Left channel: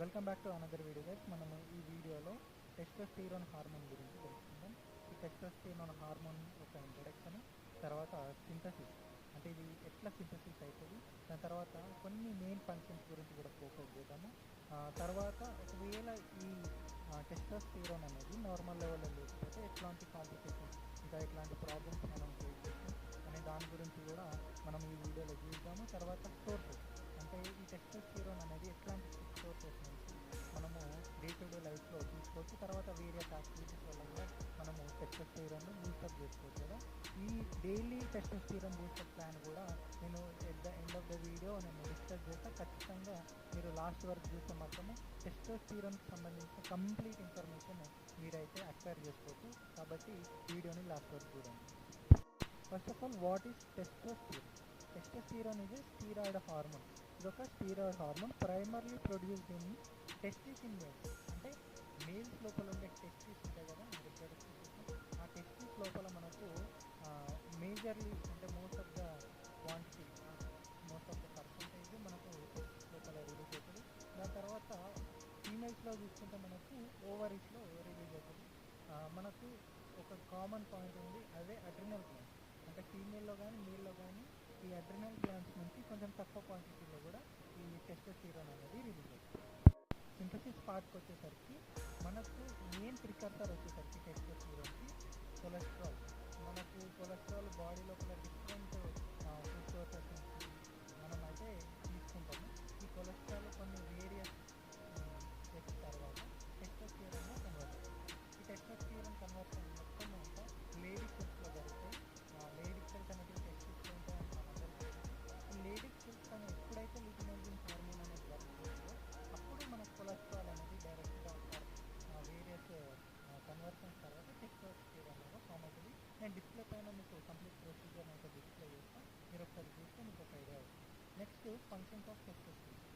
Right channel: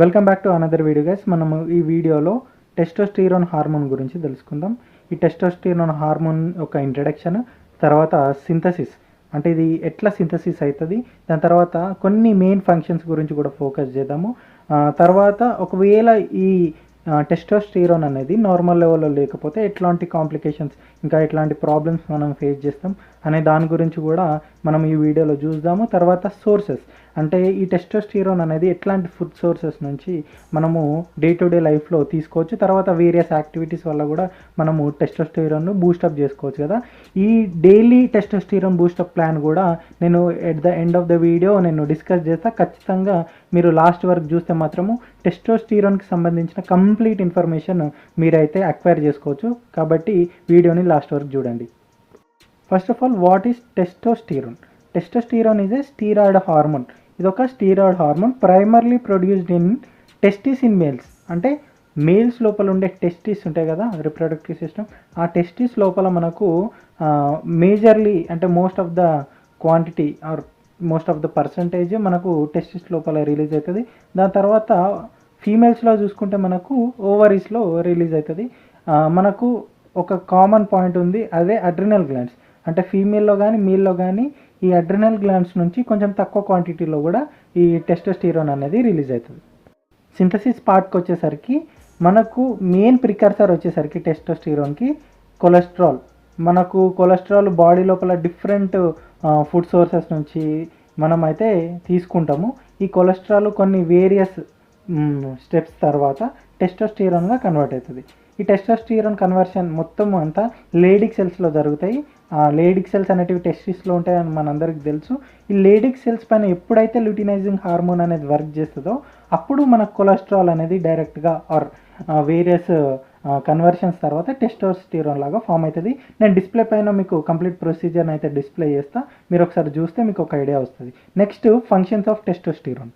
Welcome back to another video guys. మనము ఈ వీడియోలో టెస్టోస్టిరాన్ హార్మోన్ గురించి తెలుసుకుందాం. ఈ టెస్టోస్టిరాన్ హార్మోన్ యొక్క ఇంట్రడక్షన్, తర్వాత సింథసిస్ అంటే ఇది ఎట్లా సింథసిస్ అవుతుంది, దాని తర్వాత కొన్ని మెయిన్ ఫంక్షన్స్ గురించి కూడా ఫోకస్ చేద్దాము. తర్వాత ఒకవేళ ఈ టెస్టోస్టిరాన్ అనేది నార్మల్ లెవెల్లో లేకపోతే ఎట్లాంటి కాంప్లికేషన్స్, ఇంకా ఎట్లాంటి ప్రాబ్లమ్స్ మనం ఫేస్ చేస్తాం అనే దాని గురించి కూడా మనం ఈ వీడియోలో చూద్దాము. తర్వాత సోర్సెస్ అంటే ఈ టెస్టోస్టిరాన్ అనేది ఎట్లాంటి ఫుడ్ సోర్సెస్ నుంచి మనము డే టు డే లైఫ్లో తీసుకోవచ్చు, తర్వాత వేరియస్ యాక్టివిటీస్ వల్ల కూడా మనము టెస్టోస్టిరాన్ను బూస్టప్ చేసుకోవచ్చు కదా. ఈ డైలీ టెస్టోస్టిరాన్ బూస్టప్ ప్లాన్ కూడా నేను at the end of the video నేను డిస్కస్ చేస్తా. ఖచ్చితంగా మీరు లాస్ట్ వరకు చూస్తే మాత్రము టెస్టోస్టిరాన్కి సంబంధించిన కంప్లీట్ ఇన్ఫర్మేషన్ మీరైతే అక్వైర్ చేసుకోవచ్చు. కాబట్టి వీడియోని లాస్ట్ వరకు చూడండి. First of all, what is testosterone? Testosterone is a steroid hormone. ఇది ఒక steroid hormone primarily produced in testis in males. అంటే మేల్స్ లోపల ఉండే టెస్టిస్ ఉంటాయి కదా, రిప్రొడక్టివ్ సిస్టమ్, ఆ టెస్టిస్ లోపల మనకు మేజర్లీ అంటే most of the quantity or most of the percentage మనకు టెస్టిస్ లోపల రిలీజ్ అవుతుంది. దాని తర్వాత ఫీమేల్స్లో చూసుకుంటే మనకు ఓవరీస్లో రిలీజ్ అవుతుంది. మనకు ఒక కామన్ పాయింట్ ఉంది, అదే అడ్రినల్ గ్లాండ్స్. అంటే ఫీమేల్లో కానీ మేల్లో కానీ ఈ అడ్రినల్ గ్లాండ్స్ నుంచి కొంచెం తక్కువ క్వాంటిటీలో కూడా ఈ టెస్టోస్టిరాన్ అనేది రిలీజ్ అవుతుంది. సింథసిస్ పార్ట్కి వచ్చేసరికి మనకు మెయిన్ ప్రికర్సర్ వచ్చేసరికి టెస్టోస్టిరాన్కి కొలెస్ట్రాల్. మనకు కొలెస్ట్రాల్ బాడీ లోపల డిఫరెంట్ ఫుడ్ సోర్సెస్ నుంచి మనం అయితే తీసుకుంటాము. ఈ కొలెస్ట్రాల్ కొన్ని వేరియస్ స్టెప్స్ తర్వాత టెస్టోస్టిరాన్గా కన్వర్ట్ అవుతుంది. ఈ టెస్టోస్టిరాన్ కన్వర్షన్ మొత్తం అంతా లేడిక్ సెల్స్లో జరుగుతాయి. ఆ లేడిక్ సెల్స్ అనేటివి టెస్టిస్లో ఉంటాయని మనందరికీ తెలుసు. ఈ లేడిక్ సెల్స్ పైన ఎప్పుడైతే ల్యూటినైజింగ్ హార్మోన్ అనేది వర్క్ చేస్తుందో అప్పుడు మన కొలెస్ట్రాల్ అనేది డైరెక్ట్గా ఆర్ వేరియస్ కన్వర్షన్స్ తర్వాత టెస్టోస్టిరాన్ లాగా ఫామ్ అవుతుంది. నేను డిస్ప్లే పైన మీకు కంప్లీట్ ప్రొసీజర్ని అయితే డిస్ప్లే చేస్తా, మీరు ఒకసారి చూస్తే మీకు ఒక ఐడియా వస్తుంది. Next, functions of testosterone.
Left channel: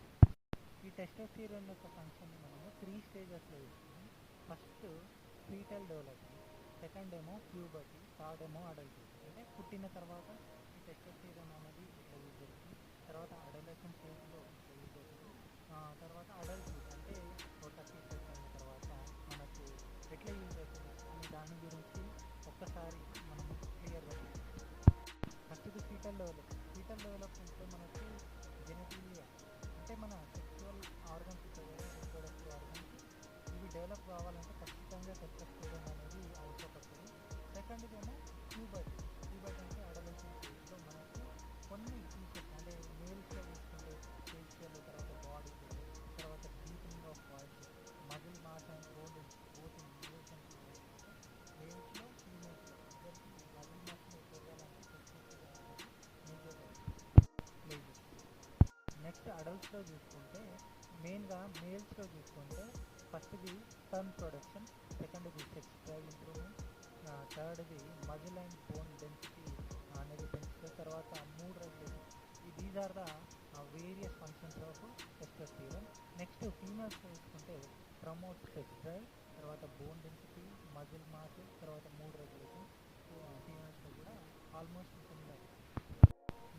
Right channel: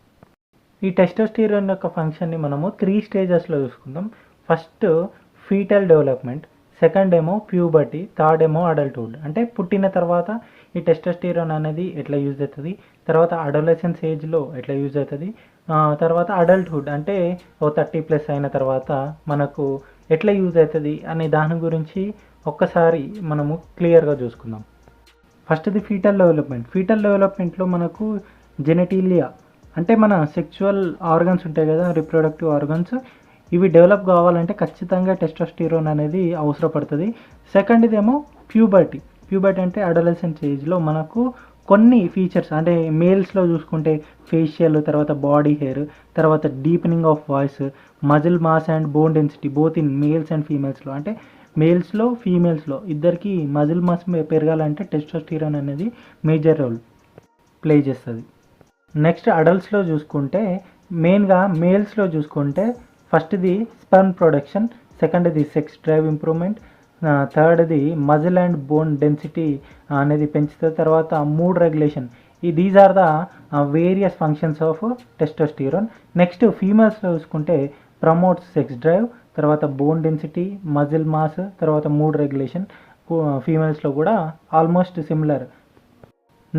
ఈ టెస్టోస్టిరాన్ యొక్క ఫంక్షన్ని మనము 3 స్టేజెస్లో చూసుకుందాం. ఫస్ట్ ఫీటల్ డెవలప్మెంట్, సెకండ్ ఏమో ప్యూబర్టీ, థర్డ్ ఏమో అడల్ట్హుడ్. అంటే పుట్టిన తర్వాత ఈ టెస్టోస్టిరాన్ అనేది ఎట్లా యూజ్ అవుతుంది, తర్వాత అడోలసెన్స్ ఏజ్లో ఎట్లా యూజ్ అవుతుంది, తర్వాత అడల్ట్హుడ్ అంటే ఓ 30+ అయిన తర్వాత మనకు ఎట్లా యూజ్ అవుతుంది అనే దాని గురించి ఒక్కసారి మనము క్లియర్గా చూసుకుందాం. ఫస్ట్ది ఫీటల్ డెవలప్మెంట్. ఫీటల్ డెవలప్మెంట్లో మనకు జెనెటీలియా అంటే మన సెక్చువల్ ఆర్గన్స్ ఉంటాయి కదా, రిప్రొడక్టివ్ ఆర్గన్స్, ఇవి డెవలప్ కావాలంటే ఖచ్చితంగా టెస్టోస్టిరాన్ అనేది అవసరపడుతుంది. సెకండ్ది ఏమో ప్యూబర్టీ. ప్యూబర్టీ అంటే అడోలసెన్స్ ఏజ్లో మనకు కొన్ని ఫీచర్స్ అంటే మేల్స్లో చూసుకుంటే ఫేషియల్, తర్వాత బాడీ హెయిర్, తర్వాత deepening of voice, muscle mass and bone density both in males and ఫీమేల్స్లో. అంటే మేల్స్లో ఫీమేల్స్లో ఇద్దరికి మజిల్ మాస్ పెరగాలంటే టెస్టోస్టిరాన్ అనేది మేజర్ రోల్ ప్లే చేస్తుంది. నెక్స్ట్ అడల్ట్స్లో చూసుకుంటే మెయిన్గా మేల్స్లో చూసుకుంటే ఫస్ట్ది స్పెర్మ్ ప్రొడక్షన్, సెకండ్ది సెక్స్ డ్రైవ్ ఇంప్రూవ్మెంట్, థర్డ్ది మజిల్ అండ్ బోన్ డెన్సిటీ అనేది పెంచుతుంది, తర్వాత mood regulation. These are the various functions of testosterone. Next ఫీమేల్స్లో చూసుకుంటే ప్రమోట్స్ సెక్స్ డ్రైవ్, తర్వాత బోన్ డెన్సిటీ, మజిల్ మాస్, తర్వాత మూడ్ రెగ్యులేషన్. ఫీమేల్స్లో కూడా almost similar.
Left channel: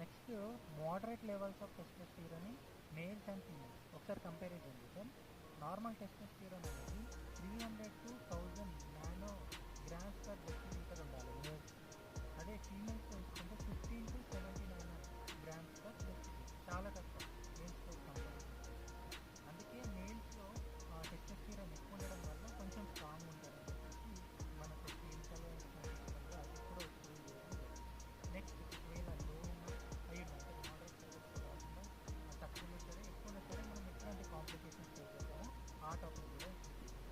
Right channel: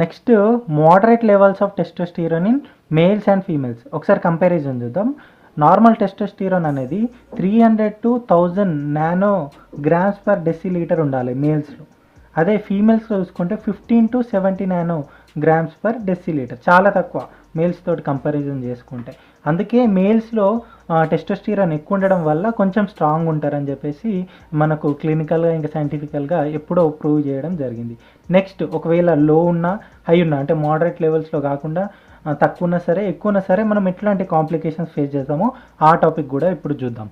Next moderate levels of testosterone in males and females. ఒకసారి comparison చూద్దాం. Normal testosterone అనేది 300 to 1000 nanograms per decilitre ఉండాలి మేల్స్లో. అదే ఫీమేల్స్లో చూసుకుంటే 15 to 70 నానోగ్రామ్స్ పర్ డెసిలీటర్, చాలా తక్కువ మేల్స్ తోటి కంపారిజన్ చేసుకుంటే. అందుకే మేల్స్లో టెస్టోస్టిరాన్ ఎక్కువ ఉండడం వల్ల కొంచెం స్ట్రాంగ్ ఉంటారని చెప్పేసి మనకు క్లినికల్గా ఇంకా సైంటిఫికల్గా ఎప్పుడో ప్రూవ్ చేయడం జరిగింది. నెక్స్ట్, ఒకవేళ లో ఉన్నా హై ఉన్నా అంటే మోడరేట్ లెవెల్స్లో కాకుండా తక్కువ ఉన్నా సరే ఎక్కువ ఉన్నా సరే మనం ఎట్లాంటి కాంప్లికేషన్స్ ఫేస్ చేస్తామో ఆ టాపిక్ కూడా ఇప్పుడు చూద్దాం.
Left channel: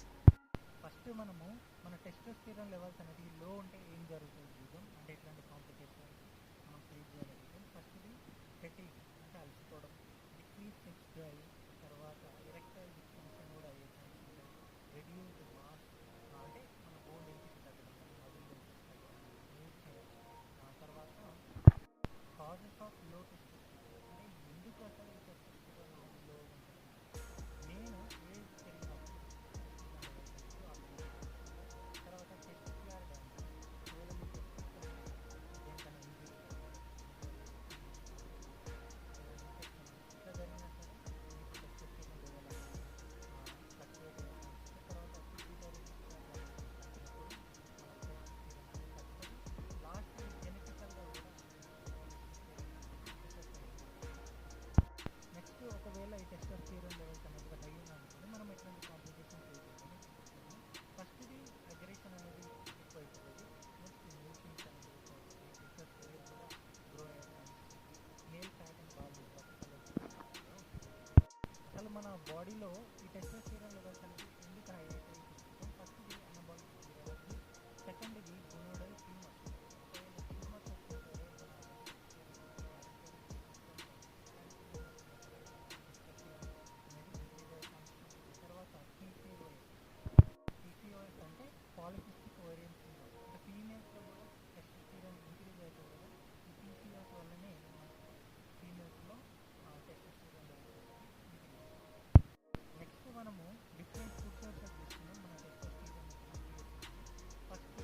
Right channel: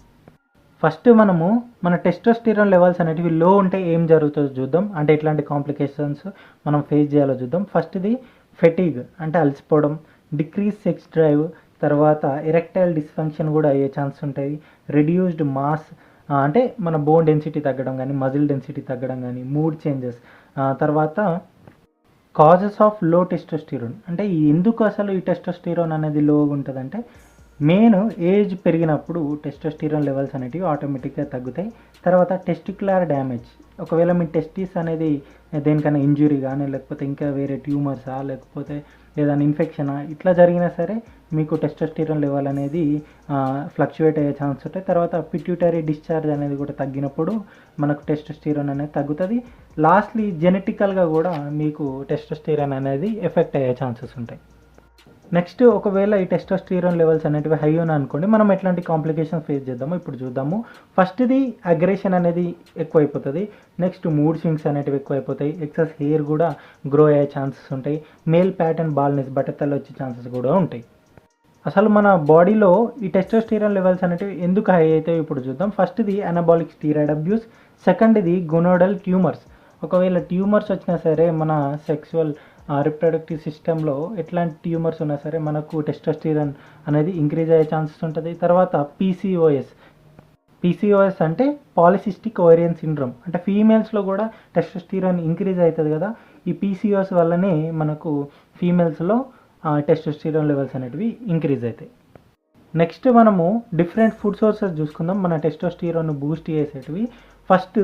ఫస్ట్ మనము మన టెస్టోస్టిరాన్ లెవెల్స్ అనేటివి లో ఉంటే ఏం జరుగుతుందో చూద్దాం, అంటే ఎట్లాంటి కాంప్లికేషన్స్ మనం ఫేస్ చేయాలో చూద్దాం. ఫస్ట్ది ఫెటీగ్ అంటే అలసిపోవడం, డిక్రీజ్ సెక్స్ డ్రైవ్, తర్వాత ఎరెక్టైల్ డిస్ఫంక్షన్ కూడా అయ్యే ఛాన్స్ ఉంటాయి, రెడ్యూస్డ్ మాస్ అంటే మన బోన్ డెన్సిటీ తగ్గడం కానీ మజిల్ డెన్సిటీ తగ్గడం కానీ, మూడ్ చేంజెస్, తర్వాత కాజెస్ ఆఫ్ లో టెస్టోస్టిరాన్. అంటే ఎందుకు అసలు ఈ టెస్టోస్టిరాన్ అనేది లో ఉంటుందంటే మెయిన్ ఏజ్ పెరిగినప్పుడు టెస్టోస్టిరాన్ లెవెల్స్ అనేటివి ఆటోమేటిక్గా తగ్గుతాయి. తర్వాత టెస్టిక్యులర్ డ్యామేజ్, ఒకవేళ మీ టెస్టిస్ అనేది దేనికైనా ఇంజురీ కానీ లేకపోతే ఇంకా వేరే ట్యూమర్సా లేకపోతే ఏదైనా ఇన్ఫెక్షనా ఇట్లా జరిగినా సరే మీకు టెస్టోస్టిరాన్ లెవెల్ అనేది ఫ్లక్చువేట్ అయ్యే ఛాన్స్ ఉంటాయి. తర్వాత పిట్యూటరీ డిశ్చార్జ్ అనేది కూడా తగ్గినప్పుడు మనకు టెస్టోస్టిరాన్ అనేది తగ్గుతుంది. లాస్ట్లీ జెనెటికల్గా కూడా మీకు టెస్టోస్టిరాన్ అనేది ఎఫెక్ట్ అయ్యే ఛాన్సెస్ ఉంటాయి. నెక్స్ట్ ఒకవేళ ఈ టెస్టోస్టిరాన్ లెవెల్స్ అనేటివి హై ఉన్నాయి అనుకోండి, మనం ఎట్లాంటి కాంప్లికేషన్స్ ఫేస్ చేద్దామో ఇప్పుడు చూద్దాము. ఫస్ట్ది అగ్రెషన్ అనేది ఎక్కువైపోతుంది. నెక్స్ట్ మూడ్ స్వింగ్స్ అనేటివి ఎక్కువైపోతాయి. ఎక్సెస్ హెయిర్ కూడా గ్రో అయ్యే ఛాన్సెస్ ఉంటాయి. మేల్ ప్యాటర్న్ బాల్నెస్ బట్టతలు వచ్చే ఛాన్సెస్ కూడా ఉంటాయి. అసలు మన బాడీలో ఈ టెస్టోస్టిరాన్ లెవెల్స్ అనేటివి ఎందుకు హై అవుతాయో ఇప్పుడు చూద్దాం. ఫస్ట్ది అనబాలిక్ స్టీరాయిడ్ అబ్యూస్, సెకండ్ది గొనోడల్ ట్యూమర్స్. ఒకవేళ ట్యూమర్స్ వచ్చినా సరే మన సెక్సువల్ రిప్రొడక్టివ్ సిస్టంలో ఎట్లాంటి ట్యూమర్స్ ఉన్నా సరే మనకు టెస్టోస్టిరాన్ అనేది ఇంక్రీజ్ అయ్యే ఛాన్సెస్ ఉంటుంది. తర్వాత పీసీఓఎస్ అంటే పాలిసిస్టిక్ ఓవేరియన్ సిండ్రోమ్, అంటే ఫీమేల్స్లో కూడా టెస్టోస్టిరాన్ ఇంక్రీజ్ అవుతుంది కదా. ఈ పీసీఓఎస్ వల్లనే మనకు ఫీమేల్స్లో టెస్టోస్టిరాన్ లెవెల్స్ అనేటివి ఇంక్రీజ్ అవుతాయి. నెక్స్ట్ మనము డిఫరెంట్ ఫుడ్ సోర్సెస్ చూసుకుందాం మన టెస్టోస్టిరాన్ బూస్ట్ చేసేటివి. ఫస్ట్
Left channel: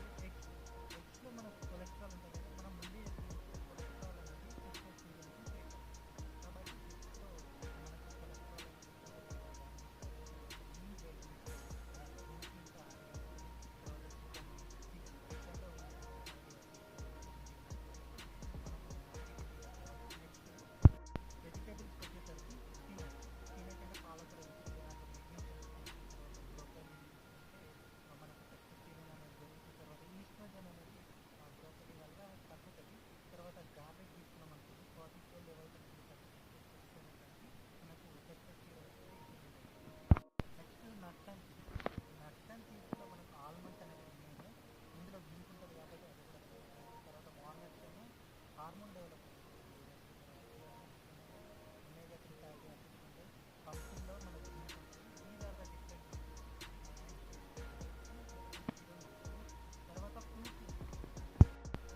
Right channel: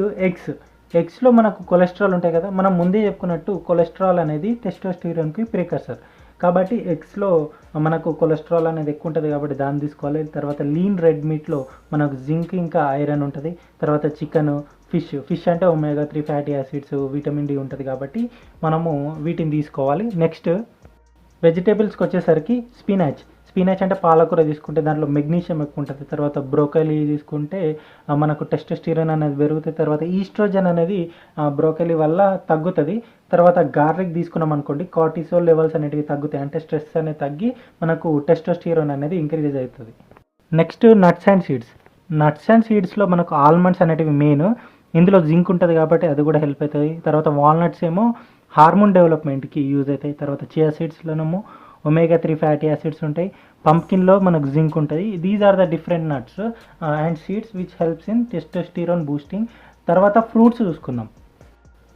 ఎగ్స్లో మనకు కొలెస్ట్రాల్ ఉంటాయి కదా. మనం ముందే చెప్పుకున్నట్టు కొలెస్ట్రాల్ అనేది టెస్టోస్టిరాన్కి ప్రికర్సర్. కాబట్టి ఎగ్స్లో మనకు కొలెస్ట్రాల్ అనేది ఎక్కువ ఉంటుంది కాబట్టి దాన్ని తీసుకోవాలి. తర్వాత లీన్ రెడ్ మీట్లో మనకు జింక్ ఇంకా ఐరన్ ఉంటుంది. తర్వాత చికెన్, ఫిష్ అంటే omega 3 fatty acids, vitamin D ఉంటుంది కాబట్టి మనము వీటిని తీసుకోవాలి. నెక్స్ట్ వెజిటేబుల్స్కి వచ్చేసరికి స్పినాచ్ అంటే పాలకూర తీసుకుంటే దాంట్లో మెగ్నీషియం ఎక్కువ ఉంటుంది. తర్వాత బ్రోకలీ తీసుకుంటే మనకు టెస్టోస్టిరాన్ అనేది పెరుగుతుంది. తర్వాత ఈస్ట్రోజన్ అనేది బ్రోకలీ వల్ల తగ్గుతుంది. తర్వాత గార్లిక్ తీసుకున్నాం అనుకోండి, కార్టిసోల్ లెవెల్స్ అనేటివి తగ్గుతాయి. అంటే స్ట్రెస్ అనేది తగ్గి మనకు టెస్టోస్టిరాన్ అనేది ఇంక్రీజ్ అవుతుంది. నెక్స్ట్ నట్స్ అండ్ సీడ్స్లో మనకు ఆల్మండ్స్ అనేటివి మెయిన్. ఇందులో జింక్ ఉంటుంది కాబట్టి అది కూడా హెల్ప్ అవుతుంది. తర్వాత వాల్నట్స్ ఏమో హార్మోన్ డెవలప్మెంట్కి యూజ్ అవుతాయి. తర్వాత చియా సీడ్స్లోనేమో ఒమేగా 3 ఫ్యాటీ యాసిడ్స్ ఉంటాయి. పంప్కిన్లో మనకు జింక్ ఉంటుంది. These are the different nuts and seeds which helps in testosterone boosting. తర్వాత ఫ్రూట్స్ చూసుకుందాం.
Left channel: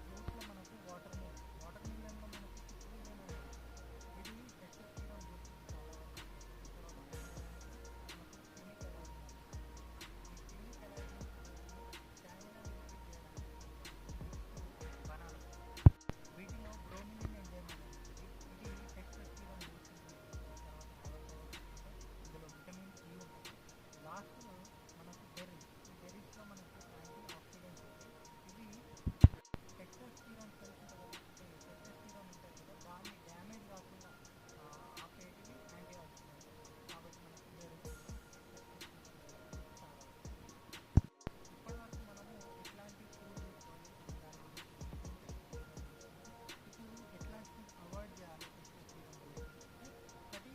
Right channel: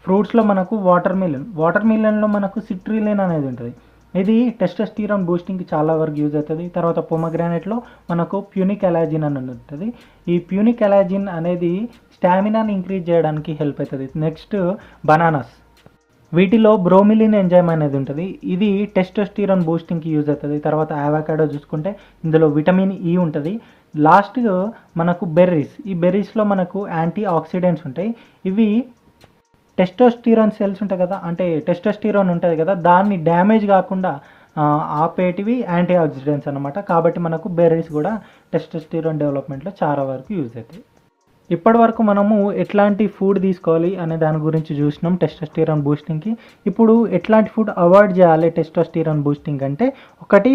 ఫ్రూట్స్లో మనకు వాటర్ మిలన్లో మనకు సిట్రిలిన్ అనేది ఉంటుంది. ఇది టెస్టోస్టిరాన్ బూస్టింగ్కి చాలా వరకు యూజ్ అవుతుంది. తర్వాత పొమగ్రానైట్లో మనకు ప్యూనిక్ ఎలాజిన్ అని ఉంటుంది. ఈ ప్యూనిక్ ఎలాజిన్ అనేది స్టామినాని ఇంక్రీజ్ చేయడానికి హెల్ప్ అవుతుంది. నెక్స్ట్ బనానాస్, వీటిలో బ్రోమిలిన్ ఎంజైమ్ అనేది ఉంటుంది. ఇది టెస్టోస్టిరాన్ బూస్టింగ్కి యూజ్ అవుతుంది. తర్వాత అవకాడో చూసుకుంటే ఇందులో విటమిన్ ఈ ఉంటుంది. లాస్ట్గా మనకు ఈ బెర్రీస్లో మనకు యాంటీ ఆక్సిడెంట్స్ ఉంటాయి. ఇవి టెస్టోస్టిరాన్ సెల్స్ ఉంటాయి కదా, అంటే టెస్టోస్టిరాన్ ఉంటుంది కదా, దాన్ని డ్యామేజ్ కాకుండా ఆపేటివి యాంటీ ఆక్సిడెంట్స్ అనమాట. కాబట్టి మనకు బెర్రీస్ కూడా టెస్టోస్టిరాన్ డెవలప్మెంట్లో చాలా వరకు యూజ్ అవుతాయి. ఇప్పటి వరకు మనము ఎట్లాంటి ఫుడ్ తీసుకోవాలి అనే దాని గురించి చూసినాం టెస్టోస్టిరాన్ బూస్టింగ్కి. ఇప్పుడు ఎట్లాంటి ఫుడ్ అవాయిడ్ చేయాలి టెస్టోస్టిరాన్ బూస్టింగ్ అంటే, ఒకటి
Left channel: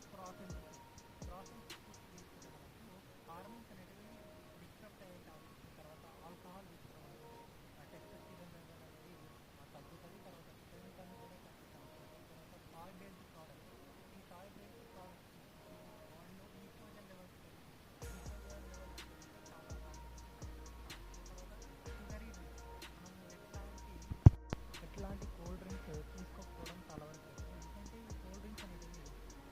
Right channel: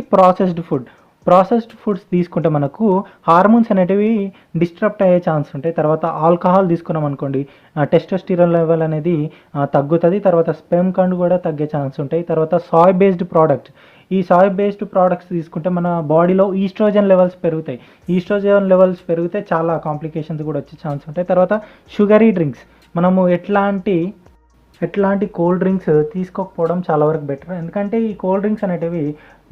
ప్రాసెస్డ్ ఫుడ్స్ తీసుకుంటే మనకు హార్మోన్స్ అనేటివి డిస్టర్బ్ అయ్యే ఛాన్స్ ఉంటాయి. తర్వాత ఆల్కహాల్ తీసుకున్నాం అనుకోండి, టెస్టోస్టిరాన్ లెవెల్ అనేది తగ్గుతుంది. తర్వాత స్పెర్మ్ కౌంట్ కూడా తగ్గే ఛాన్స్ ఉంటాయి. తర్వాత సాయ్ బేస్డ్ ప్రోడక్ట్స్ తీసుకుంటే మన బాడీలో ఈస్ట్రోజన్ లెవెల్స్ పెరిగితే చాలా కాంప్లికేషన్స్ కూడా వచ్చే ఛాన్స్ ఉంటాయి. తర్వాత షుగరీ డ్రింక్స్, మనము ఎట్లాంటి కోల్డ్ డ్రింక్స్ తీసుకోకపోవడం చాలా వరకు బెటర్. ఎందుకంటే ఈ కోల్డ్ డ్రింక్స్ అనేటివి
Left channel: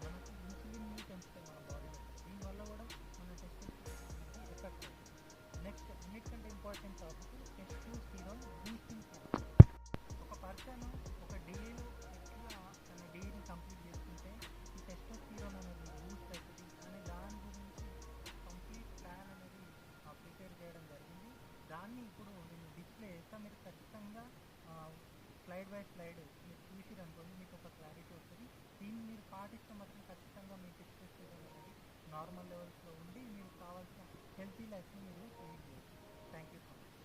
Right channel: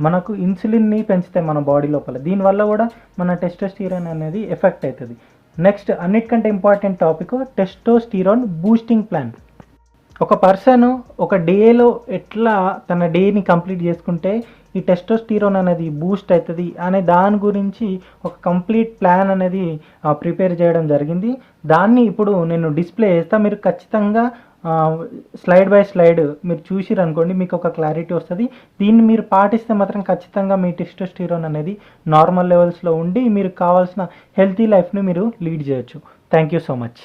మనకు ఇన్సులిన్ని పెంచుతాయి మన బాడీ లోపల. దీనివల్ల కూడా మన టెస్టోస్టిరాన్ అనేది ఎఫెక్ట్ అవుతుంది. నెక్స్ట్ అన్నిటికంటే important topic testosterone boosting plan. ఒక పర్సన్ ఒక డేలో ఎట్లా తన డేని కంప్లీట్ చేసుకుంటే ఈ టెస్టోస్టిరాన్ అనేది బూస్ట్ అవుతుంది అనే దాని గురించి ఒక కంప్లీట్ ప్లాన్ అనేది ప్రిపేర్ చేయడం జరిగింది. దాన్ని ఇప్పుడు నేను డిస్ప్లే చేస్తాను. మీరు ఖచ్చితంగా స్లైడ్ బై స్లైడ్ మీరు చూసిరు అనుకోండి, మీకు ఒక క్లారిటీ వస్తుంది. దీన్ని మీరు పాటిస్తే మాత్రం ఖచ్చితంగా మీ టెస్టోస్టిరాన్ అనేది నార్మల్ లెవెల్స్లో ఉండి మీరు కావాల్సిన హెల్తీ లైఫ్ని మీరు లీడ్ చేయొచ్చు. Thank you so much.